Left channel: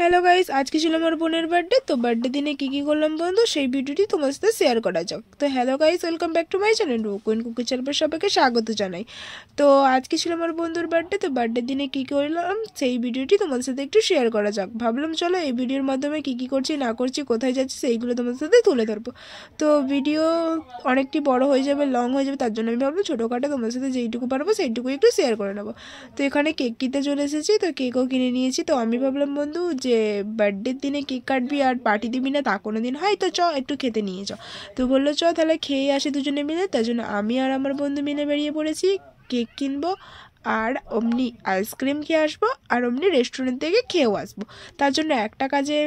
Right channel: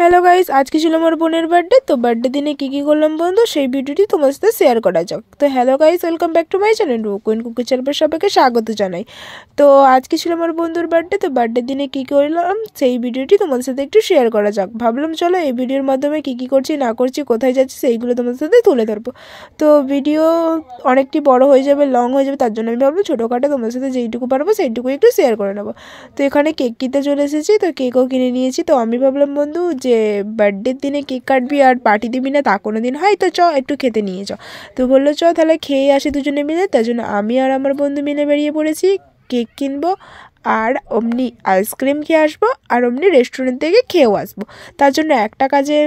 Hello guys, আজকে ছিল আমার বোনের বার্থডে। তো বার্থডে দিনে কী কী করলাম বন্ধু, সেই ভিডিওটি তোমার সাথে শেয়ার করা যাক। তো hello guys, welcome back to my channel queen cookie চ্যানেলের সবাইকে স্বাগত জানাই। তো আজকে ছিল আমার বন্ধুর বার্থডে। তো বার্থডে দিনে কী করলাম সেই ভিডিওটি তোমাদের সাথে একটু শেয়ার করা যাক। ভাবলাম চলো এই ভিডিওর মাধ্যমে কী করছি না করছি, কোথায় যাচ্ছি, সেইগুলো তোমাদের সাথে তুলে ধরবো। তো ভিডিও অনেকটি বড় হয়ে যাবে, লং হয়ে যাবে, তার জন্য আমি ভাবলাম ছোটোখাটো তোমাদের সাথে যেইটুকু পারবো সেইটুকুই একটু শেয়ার করে নেবো। তো এখানে কেক কিনতে চলে এসেছি, তো কেকও কিনে নিয়েছি। তো আমি ভাবলাম বন্ধু যে বার্থডের দিনে কেক কাটবি আর পার্টি দিবি না তা কোনো দিন হয়, তো চ একটু খেতে নিয়ে চ। তো বললো চ তাহলে খেয়ে আসি দুজনে মিলে। তার জন্য আমি আর আমার বন্ধু মিলে বেরিয়ে পড়েছি। কেক কিনবো আর অমনি আইসক্রিম খেয়ে আসবো আর অমনি রেস্টুরেন্ট থেকে খেয়েও আসবো। তার জন্য একটা কাজে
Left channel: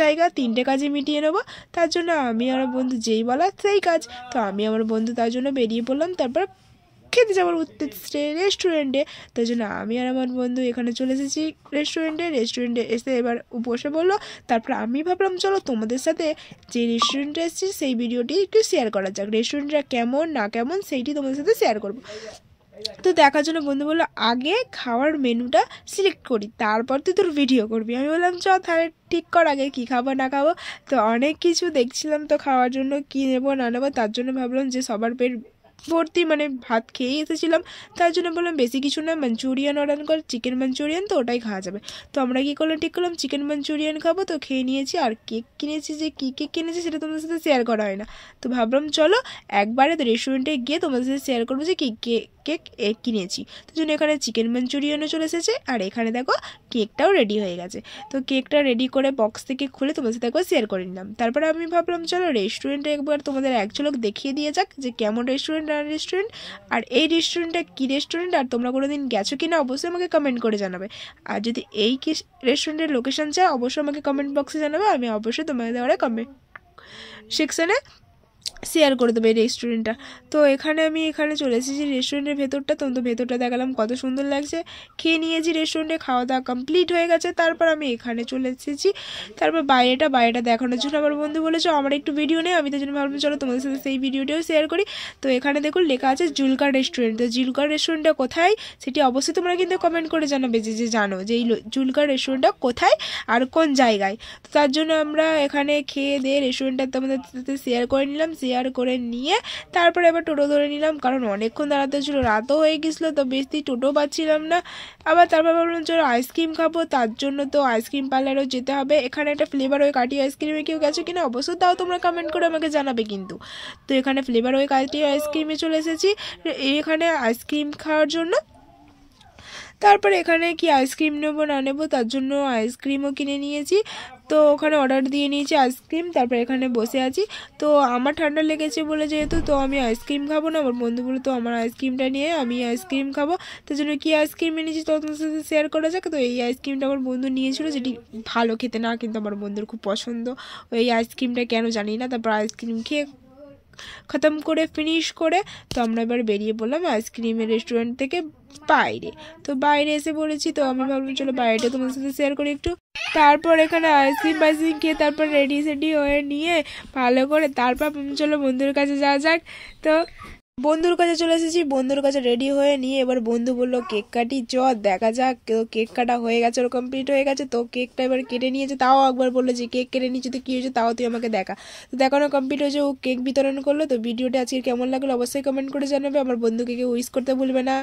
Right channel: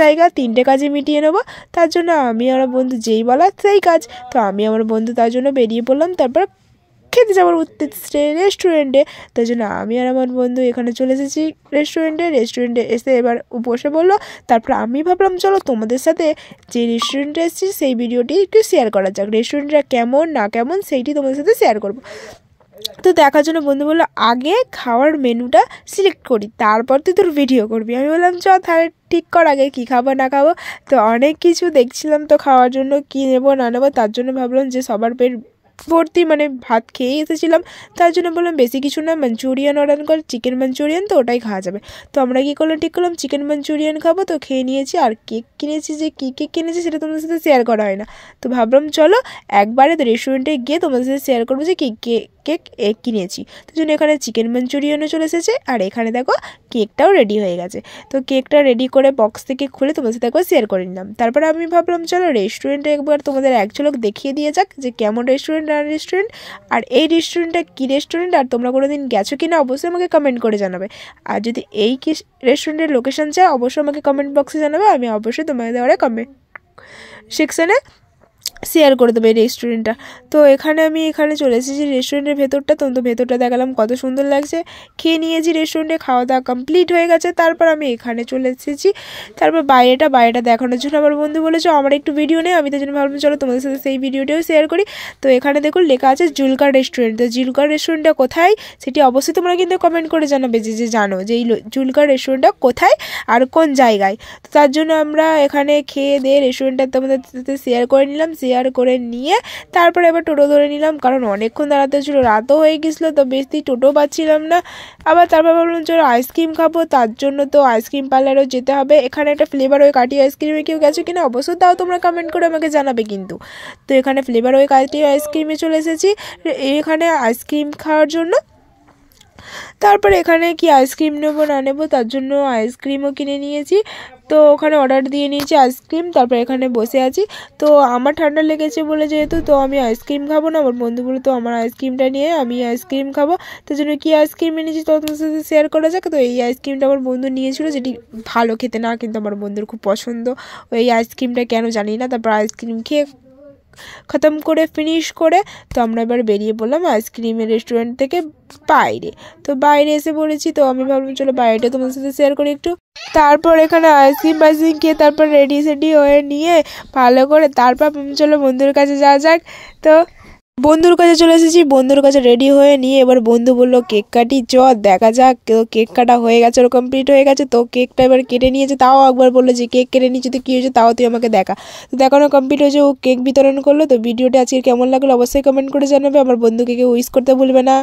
জায়গা তিনটে কাজে মিটিয়ে নেবো। তার জন্য আমি আর বন্ধু যেই বলা সেই কাজ। তো আমি আমার বন্ধু তার জন্য বেরিয়ে পড়লাম। তারপর খেতে যাওয়ার উদ্দেশ্যে রেস্টুরেন্টে। তাই জন্য আমি আর আমার বন্ধু এখানে চলে এসেছি রেস্টুরেন্টে এসে এবার বসে বললো। তারপর আমি ভাবলাম চলো তোমাদের সাথে যে রেস্টুরেন্টে এসেছি সেই ভিডিওটি একটু শেয়ার করা যাক। রেস্টুরেন্টটা কেমন না কেমন সেইটি তোমাদের সাথে শেয়ার করবো। তো দেখার জন্য বন্ধু বললো আগে খাওয়ার মেনুটা সিলেক্ট করি, তারপর তুই তোর ভিডিও করবি। আমি বললাম চ তাহলে ঠিক কর আগে কী খাবো না খাবো। তো অনেক কিছু দেখছিলাম, তো খাওয়ার জন্য কী নেবো না নেবো, তার জন্য ভাবলাম যে সবার পেট ভর্তি মানে ভাত খেয়েই এসেছিলাম, তার জন্য বললাম বেশি কিছু না, মাঞ্চুরিয়ান অর্ডার কর, চিকেন মাঞ্চুরিয়ান, তো ওটাই খাওয়া যাবে। তো আমরা কী করলাম, ঠিক করলাম চিকেন মাঞ্চুরিয়ান খাবো। তো খেয়ে নিয়েছি আর কেক কিনেছি, যে কী কেক কিনেছি সেটা তোমাদের সাথে শেয়ার করা হয় না। তো ভাবলাম চলো একবারে রেস্টুরেন্টে গিয়ে তোমাদের সাথে শেয়ার করবো যে কী কেক কিনেছি। তো জন্য এখানে চিকেন মাঞ্চুরিয়ানও চলে এসেছে আর এখানে দেখো কেকটাও রেডি হয়ে গেছে। তো কেকটা রেডি করে বক্স থেকে খুলে তোমাদের সাথে একবার শেয়ার করে নিলাম। তারপরে আমি ভাবলাম চলো রেস্টুরেন্টে একবার তোমাদের এক ঝলক দেখিয়ে দিয়ে যাক যে কেমন রেস্টুরেন্ট আর এই রেস্টুরেন্টটা কী রেস্টুরেন্ট, আর তোমরা কোনো দিন গেছো কি না অবশ্যই আমাকে কমেন্ট করে জানাবে। আর যদি এই কি রেস্টুরেন্টের লোকেশন চাই অবশ্যই আমাকে কমেন্ট বক্সে জানাবে, আমি অবশ্যই তোমাদের দেওয়ারে কমেন্ট সেকশানে শেয়ার করে দেবে এই রেস্টুরেন্টটা। তো আমি এখানে চলে এসেছি রেস্টুরেন্টের ভেতরটা। তো ভেতরটা দেখালাম কত সুন্দর লাগছে। খেয়ে নিয়েছি রেস্টুরেন্টে, খাওয়া দাওয়া কমপ্লিট হয়ে গেছে। তারপর আমি এখানে চলে এসেছি। তারপর বাইরেটা দেখানোর জন্য আমার বন্ধু বলেছে আমার একটু ভিডিও নেই। আমি তার জন্য ভাবলাম চলো তোমাদের সাথে সেই ভিডিওটাও শেয়ার করি। তো এখানে দেখুন লেখা আছে জুলকার রেস্টুরেন্ট। তো জুলকার রেস্টুরেন্টটা কোথায় সেটি অবশ্যই তোমরা কিন্তু কমেন্ট করে জানাবে যে জানো যে এই জুলকার রেস্টুরেন্টটা কোথায় আর কোন জায়গায়। তো তার জন্য আমরা এখানে খেয়ে দিয়ে রেস্টুরেন্টটা তোমাদের সাথে শেয়ার করে নিলাম। শেয়ার করে নিয়ে তারপরে এবার টোটো ধরে নিলাম, কারণ অনেকক্ষণ দাঁড়াতে ছিল, রাতও হয়ে গেছিলো, তো বেশি টোটো পাচ্ছিলাম না। আবার তারপর ভাবলাম চলো আইসক্রিম খাবো, তার জন্য তো আইসক্রিম পার্লারেও যেতে হবে। এখানে একটা ফ্লেভার ওই কাটি আইসক্রিমে কেউ গেছো কিনা অবশ্যই তাও তোমরা কমেন্ট করে আমাকে জানাবে কিন্তু। তো এখানে ফ্লেভার ওই কাটি আইসক্রিমে চলে এসেছি এখানে আইসক্রিম খাওয়ার জন্য। তারপর এখানে কি আইসক্রিম নেবো না নেবো তার জন্য আইসক্রিমও কিনে নিয়েছি। তো ওখানে অর্ডার দিয়ে নিয়েছি আইসক্রিম। তারপর এখানে বসে আছি। তো আমার ঠান্ডা লেগেছে বলে যেহেতু তো আমি আইসক্রিম খাবো না, আমার বন্ধু বলে তো আমার আইসক্রিমটা নিয়ে আমি আইসক্রিম খাবো। তার জন্য কি আইসক্রিম এনেছি তো তোমার সাথে শেয়ার করা যাক। তো এই আইসক্রিমটা আমার বন্ধু নিয়েছিল, যেটি ভালো খেতে না, কিন্তু আমার বন্ধুর খুব পছন্দ ওই আইসক্রিমটা, কেন জানি না। তারপর আইসক্রিম খেয়ে খতম করে ফিনিশ করে তো আমরা এবার বেরিয়ে পড়লাম আইসক্রিমের রেস্টুরেন্ট থেকে বাইরে। তো বাইরে এসে পড়েছি। তো আমি ভাবলাম চলো বাইরেটা তোমাদের সাথে শেয়ার করি একটু। তারপর এখানে আইসক্রিম খেয়ে তারপর রেডি সেডি হয়ে নিয়ে ভালো করে তারপর চলো বন্ধুর কাছে যাওয়া যাক। তো বন্ধুর কাছে চলে এসেছি, বন্ধুর কাছে রেডি হয়ে নিয়ে এবার বন্ধু বললো কেক কাটি চ দেখা যাক। তো কেক কাটা হয়ে গেছে, ওর কমপ্লিট হয়ে গেছে। তো কেকটা এবার কেটে নিয়েছে, তাও একবার বললো যে কেক কেটে নিয়েছে তো কী হয়েছে তাও তুই আমাকে দেখা। তো দেখানো কমপ্লিট হয়েছে, ও কেক বিতরণ করলো। তো ভিডিওটা আজকে কেমন লাগলো অবশ্যই কমেন্ট করে জানাবে। আমার বন্ধুকে কেউ উইশ করতে ভুলবে না।